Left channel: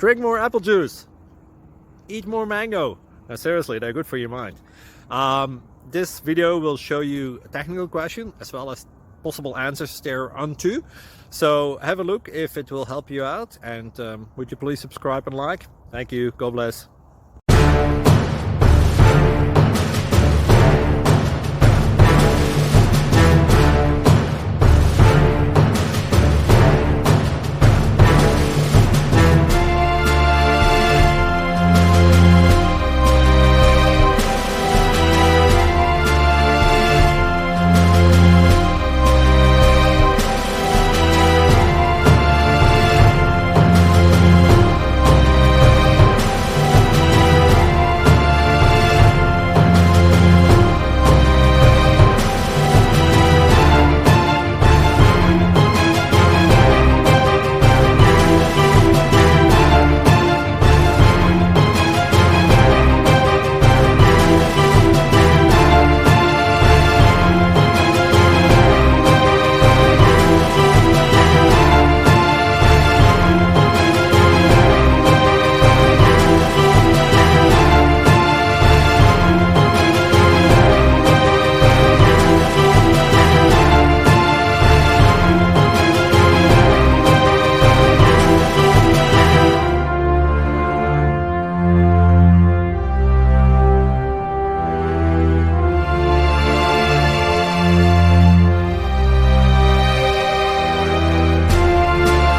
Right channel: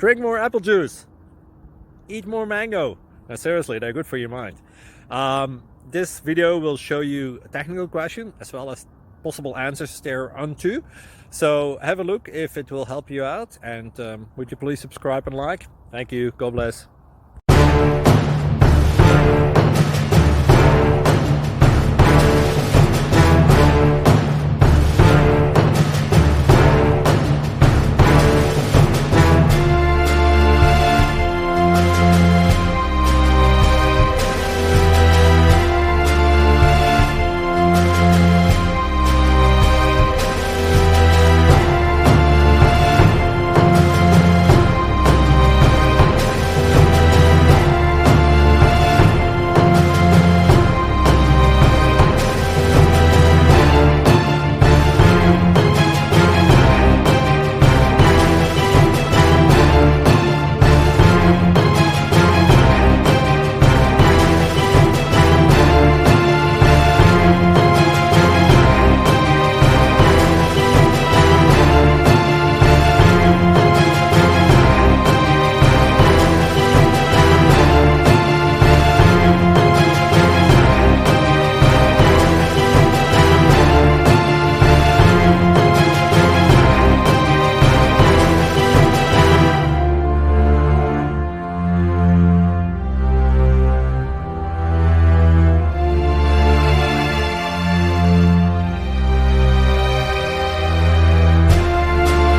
Drink more apple juice. Eat more mango. No, seriously, they're good for your mind. This video will show you a technical question as well as possible answers thereunto. So have a look if it will help you out, and would you please subscribe and like? Thank you. God bless.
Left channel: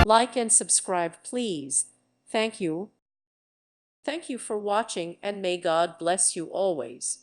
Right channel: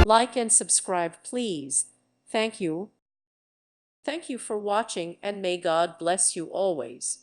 Like and subscribe, please. Thank you. Thank you for watching, and may God bless you always.